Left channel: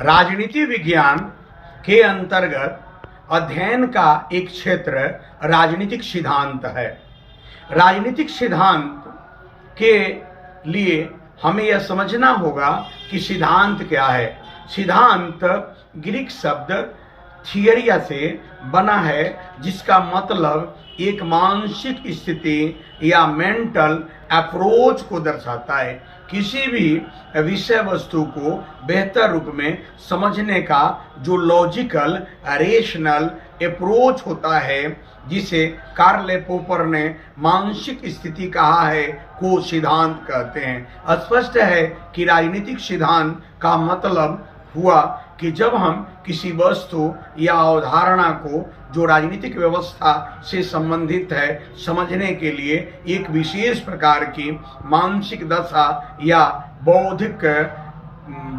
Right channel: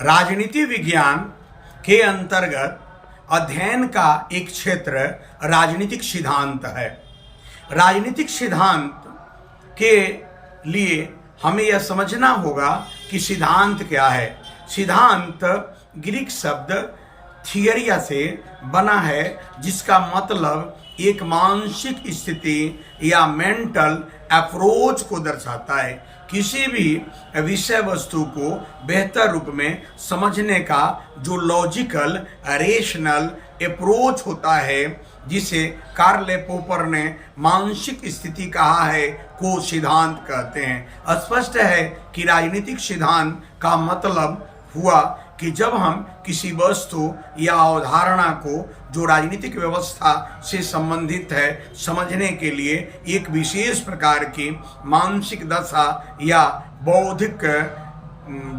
राजनीति विज्ञान के अंतर्गत अध्ययन का एक क्षेत्र राजनीतिक सिद्धांत है। राजनीतिक सिद्धांत के लिए हमें यह समझना होगा कि सिद्धांत क्या है। सिद्धांत ग्रीक शब्द थियरिया से बना है, जिसका मतलब एक मानसिक स्थिति या मेंटल अप्रोच को दर्शाता है। किसी भी विषय वस्तु को बेहतर रूप में समझने का जो लॉजिकल रेशनल अप्रोच होता है, जिसे कार्ल पोपर ने मानसिक स्थिति कहा है, को सिद्धांत कहते हैं। स्पष्ट है कि राजनीतिक सिद्धांत का मतलब हुआ कि जब हम किसी वस्तु या अवधारणा को जो राजनीतिक व्यवस्था से संबंधित है समझने के लिए एक विशेष प्रकार की मानसिक दशा या बौद्धिक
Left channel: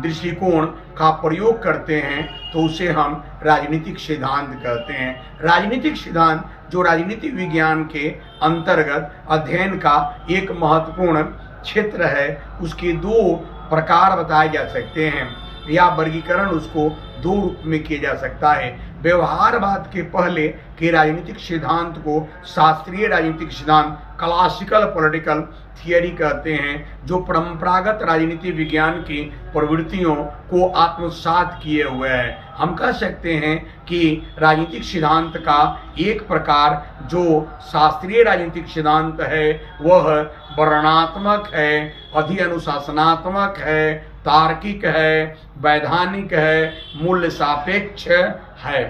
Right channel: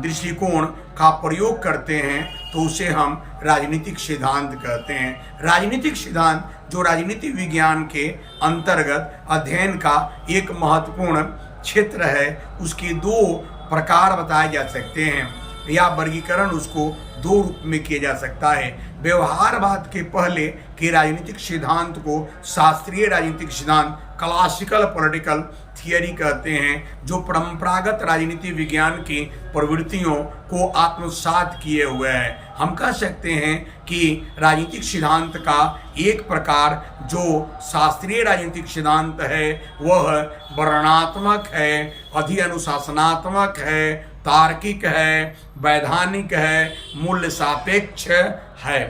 दृष्टिकोण का प्रयोग करते हैं, तो उसे हम राजनीतिक सिद्धांत कहते हैं। राजनीतिक सिद्धांत जो राजनीति विज्ञान के अंतर्गत अध्ययन का एक महत्वपूर्ण क्षेत्र है, उसके दो प्रकार बताए जा सकते हैं या वर्गीकरण उसको दो रूप में किया जा सकता है। व्यवहारवाद के पहले के राजनीतिक सिद्धांत को शास्त्रीय राजनीतिक सिद्धांत क्लासिकल पॉलिटिकल थियरी कहते हैं, जो परंपरागत राजनीति विज्ञान की प्रवृत्तियों को आत्मसात किए हुए है। हम कह सकते हैं कि राजनीतिक सिद्धांत का एक प्रकार जो शास्त्रीय राजनीतिक सिद्धांत है वह वर्णनात्मक है, अधिअनुशासनात्मक है, तार्किक है, वैधानिक है, मूल्य सापेक्ष है।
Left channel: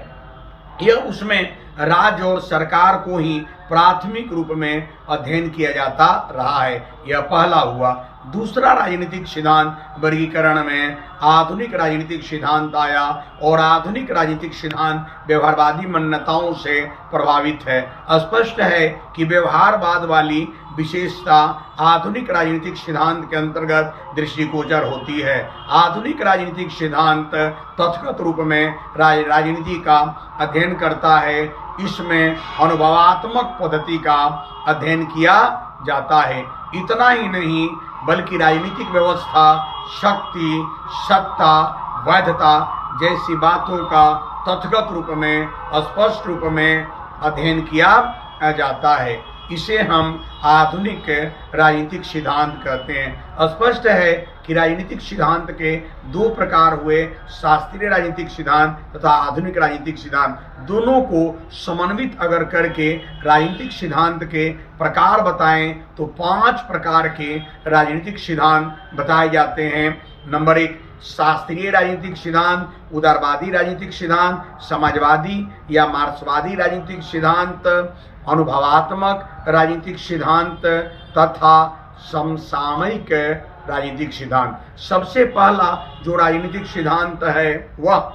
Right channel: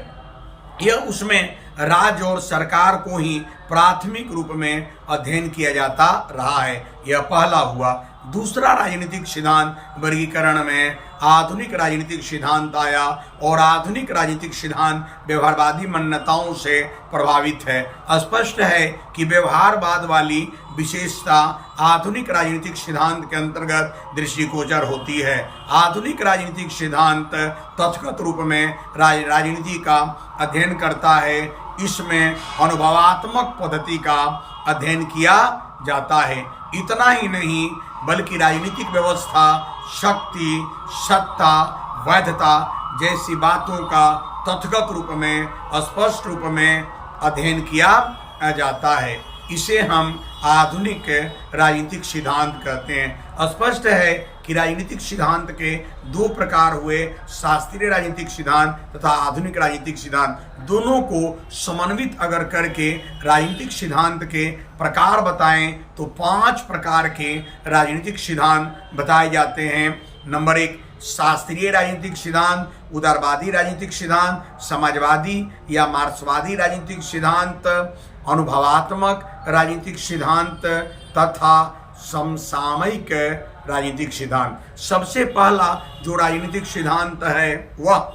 यह उसमें राज्य और सरकार को ही प्राथमिक रूप में अध्ययन किया जाता रहा है। यह पहला हुआ। दूसरा राजनीतिक सिद्धांत वर्गीकरण में आधुनिक राजनीतिक सिद्धांत आया, और आधुनिक राजनीतिक सिद्धांत व्यवहारवादी मान्यताओं से प्रभावित है। स्पष्ट है कि व्यवहारवाद वाली विशेषता आधुनिक राजनीतिक सिद्धांत के अंतर्गत दृष्टिगोचर होती है। आधुनिक राजनीतिक सिद्धांत तथागत रूप में राजनीति का अध्ययन करता है। इसमें अनुभवात्मक पद्धति का अध्ययन किया जाता है। इतना ही नहीं बल्कि राजनीतिक व्यवस्था, शक्ति, सत्ता, वैधता जैसी बातों का तथागत रूप में स्पष्ट रूप में अध्ययन किया जाता है। इसे हम आधुनिक राजनीतिक सिद्धांत कहते हैं। स्पष्ट है कि राजनीतिक सिद्धांत के दो प्रकार हुए, शास्त्रीय राजनीतिक सिद्धांत तथा आधुनिक राजनीतिक सिद्धांत। दोनों को समन्वित अगर करके राजनीतिक सिद्धांत के प्रकार बताएं तो 5 प्रकार के राजनीतिक सिद्धांत बताए जाते हैं। नंबर 1 शास्त्रीय राजनीतिक सिद्धांत, उदारवादी राजनीतिक सिद्धांत, समाजवादी या मार्क्सवादी राजनीतिक सिद्धांत, अनुभवात्मक राजनीतिक सिद्धांत तथा समसामयिक राजनीतिक सिद्धांत। सबसे पहला जो राजनीतिक सिद्धांत है वह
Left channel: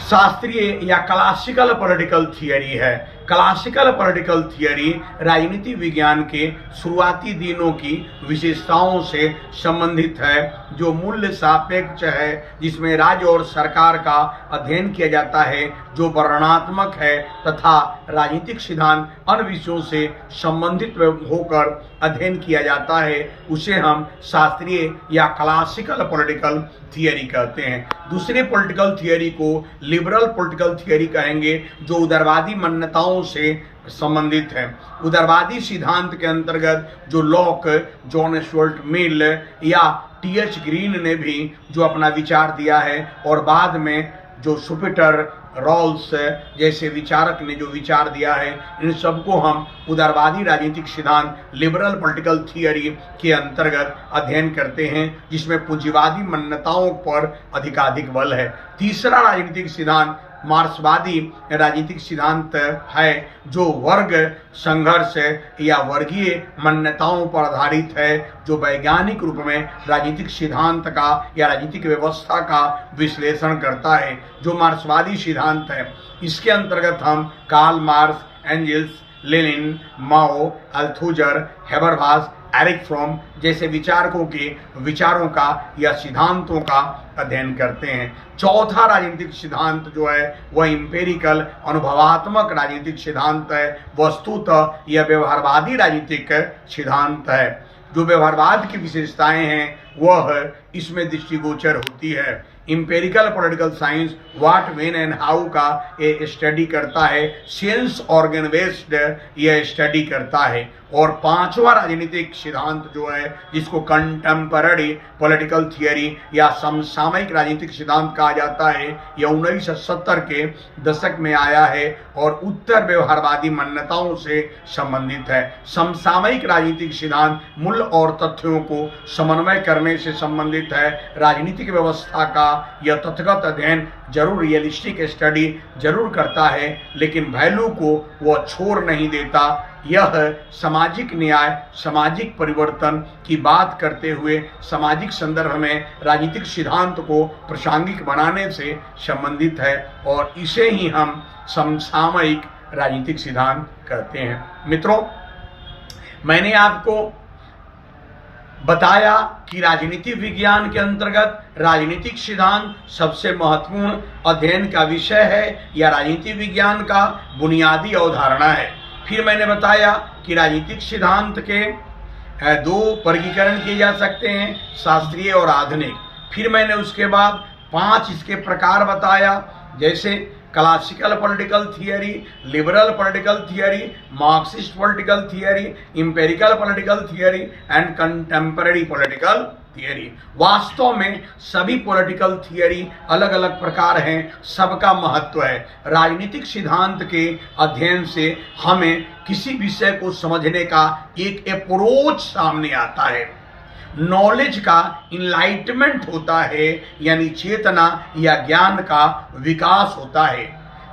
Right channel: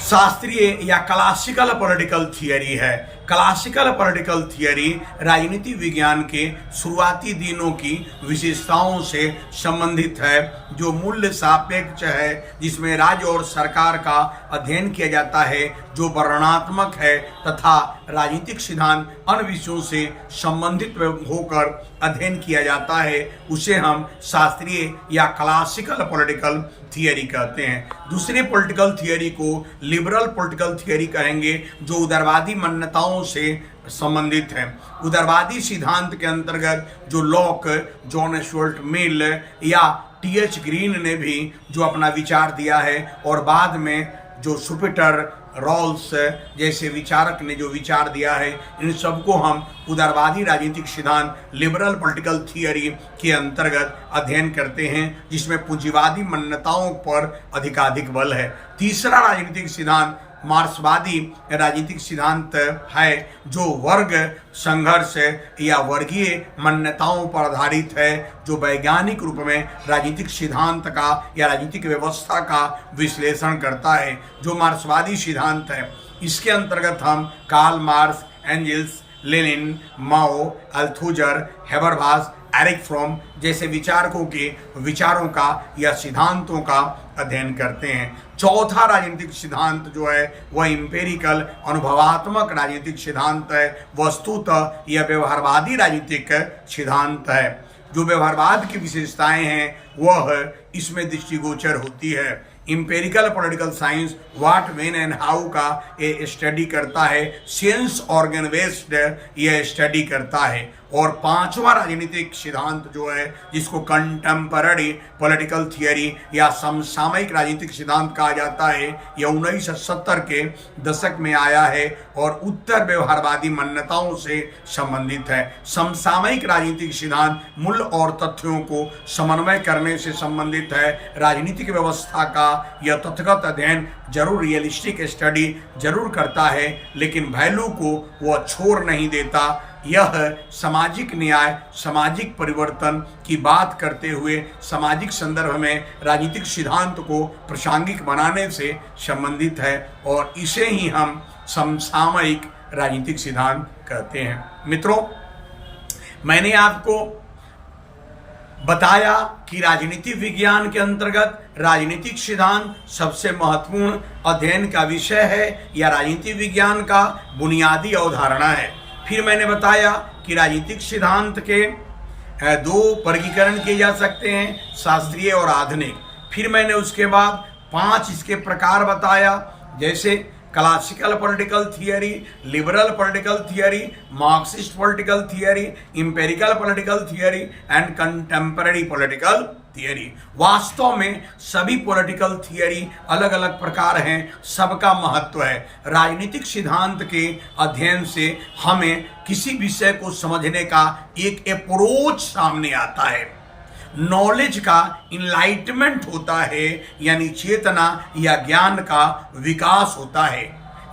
शास्त्रीय या क्लासिकल पॉलिटिकल थियरी है। क्लासिकल पॉलिटिकल थियरी राजनीति विज्ञान के शुरुआती दिनों की विशेषताओं से संबंधित है, जो मूल्य सापेक्ष है, जिसमें राज्य और सरकार का अध्ययन किया जाता है, जो वर्णनात्मक है तथा राजनीतिक सिद्धांत अन्य विषयों से संबंधित होकर अध्ययन किया जाता है। उसे हम शास्त्रीय या क्लासिकल पॉलिटिकल थियरी कहते हैं। दूसरे पॉलिटिकल थियरी को लिबरल पॉलिटिकल थियरी कहेंगे, जो उदारवादी मान्यताओं से संबंधित है। उदारवादी सिद्धांत के अंतर्गत जो लॉक, जॉन स्टुअर्ट मिल या टी.एच. ग्रीन ने भी जो अपना विचार दिया है, और बाद में जो सुपिटर रॉल्स जैसे विचारक ने जो विचार दिया है, इन सबको हम उदारवादी राजनीतिक सिद्धांत लिबरल पॉलिटिकल थियरी के अंतर्गत अध्ययन करते हैं, जिसमें पूंजीवादी मान्यताओं पर अधिकाधिक बल है। तीसरा राजनीतिक सिद्धांत मार्क्सवादी राजनीतिक सिद्धांत है, जो वर्ग संघर्ष या वर्गीय मान्यताओं पर आधारित है, जो वैज्ञानिक रूप में राजनीतिक सिद्धांत का या राजनीतिक व्यवस्था का विश्लेषण करता है। जो मार्क्सवादी सिद्धांत है, इसके अंतर्गत हम Karl Marx, Engels, Lenin, Mao, Althusser, Habermas, Erich Fromm जैसे विचारकों के विचारों का या सिद्धांतों का अध्ययन करते हैं। चौथा राजनीतिक सिद्धांत जो है वह इंपेरिकल अनुभवात्मक राजनीतिक सिद्धांत है। वस्तुतः यह व्यवहारवादी राजनीतिक सिद्धांत है। जो व्यवहारवाद की विशेषताएं हैं वह इसमें दृष्टिगोचर होती है। Empirical political science what, when and how का ये स्टडी करता है। सेंस ऑर्गन बेस्ड यह स्टडी करता है। और पांचवा राजनीतिक सिद्धांत जो है, जिसको कंटेम्पररी पॉलिटिकल थियरी या समसामयिक राजनीतिक सिद्धांत कहा जाता है, यह 1970 के दशक में आया है और उत्तर व्यवहारवादी मान्यताओं से संबंधित है। समसामयिक राजनीतिक सिद्धांत मूल और तथ्यों को समन्वय करने से संबंधित है। राजनीतिक व्यवस्था का यह तथ्यगत अध्ययन जरूर रियलिस्टिक स्टडी जरूर करता है, लेकिन वैल्यू को वह छोड़ नहीं देता। यह सामाजिक न्याय, सामाजिक परिवर्तन की बात करते हुए सामाजिक संदर्भ में राजनीतिक सिद्धांत को प्रासंगिक बनाने से संबंधित है और इसे ही हम समसामयिक राजनीतिक सिद्धांत कहते हैं। मित्रों, मैंने आपको बताया कि राजनीति विज्ञान के अंतर्गत राजनीतिक सिद्धांत सबसे महत्वपूर्ण अध्ययन का विषय है या राजनीति विज्ञान का बुनियादी अवधारणा है। फिर मैंने बताया कि राजनीतिक सिद्धांत के दो वर्गीकरण किए जा सकते हैं, शास्त्रीय और आधुनिक। फिर मैंने उसके बाद 5 इसके प्रकार बताया, जैसे classical political theory, liberal political theory, Marxist political theory, empirical political theory and contemporary political theory. वास्तव में सभी पॉलिटिकल थियरी अलग अलग प्रकार हैं, सबका महत्व है। राजनीतिक सिद्धांत के अध्ययन से हमें किसी विषय को समझने का एक अप्रोच सामने आता है। नॉलेज का इनलाइटमेंट होता है, यानी चेतना या ज्ञान का विकास होता है।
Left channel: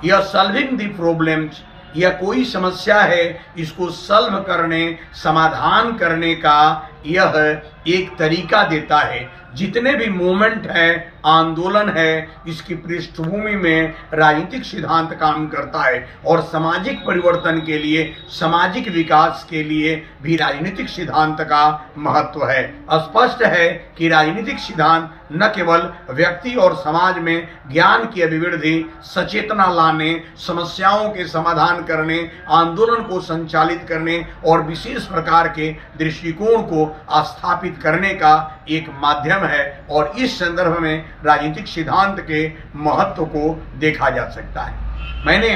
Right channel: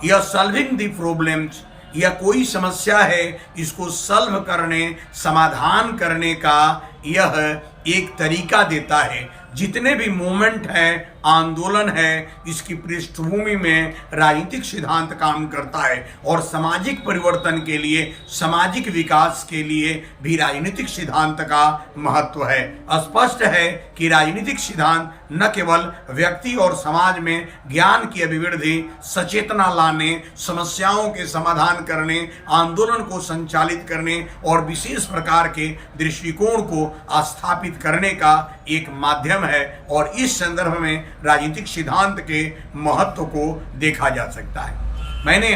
यह सॉल्विंग द प्रॉब्लम्स, यह कोई समस्या है, इसको सॉल्व करने, समाधान करने का यह एक तरीका देता है। जितने भी मूवमेंट है, आंदोलन है, इसकी पृष्ठभूमि में राजनीतिक सिद्धांत काम करता है और सामाजिक परिवर्तन के लिए, सामाजिक विकास के लिए भी राजनीतिक सिद्धांत का महत्व है। स्पष्ट है कि राजनीतिक सिद्धांत न केवल व्यक्ति और समाज में ज्ञान की अभिवृद्धि, सचेतना लाने, समस्याओं के समाधान करने, आंदोलन को संचालित करने और विशेष प्रकार के दृष्टिकोण को स्थापित करने का एक माध्यम है और इस संदर्भ में राजनीतिक सिद्धांत के महत्व को देखा जा सकता है। मैंने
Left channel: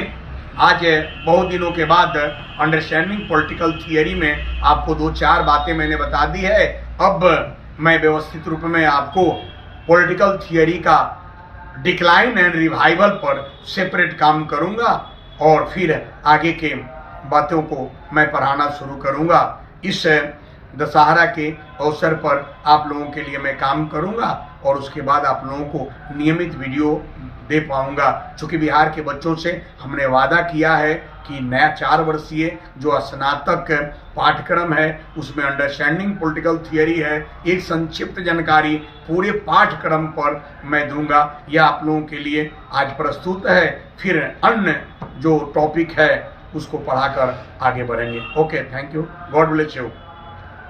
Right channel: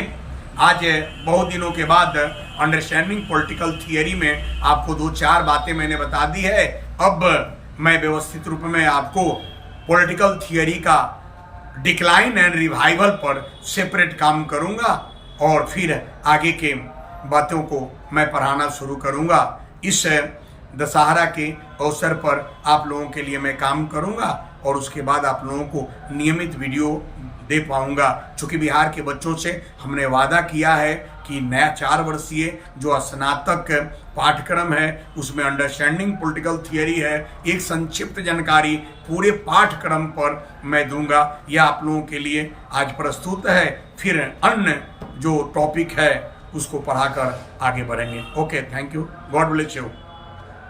आज बहुत दिनों के बाद अंडरस्टैंडिंग पॉलिटिकल थियरी में आपको 2-4 बातें मैंने बता दी है। अब मैं व्यवस्थित रूप में आपको पॉलिटिकल थियरी का डिक्लाइन एंड रिवाइवल पर सेपरेट काम करूंगा और फिर आगे के बातों को मैं पढ़ाना शुरू करूंगा। इस दशहरा के अवसर पर आप लोगों के लिए मैं काम करूंगा और उसके बाद आप लोगों को नियमित वीडियो दे पाऊंगा। चूँकि बिहार के बच्चों से हमने वादा किया है कि नया 4 वर्षीय जो स्नातक पाठ्यक्रम है उसमें अंडरस्टैंडिंग पॉलिटिकल थियरी है, एक संक्षिप्त जानकारी पूरे पाठ्यक्रम पर मैं दूंगा। यह आप लोगों के लिए आज प्रस्तुत है। फिर अन्य जो टॉपिक है उसको पढ़ाकर आगे बढ़ेंगे। Okay, thank you, God bless you.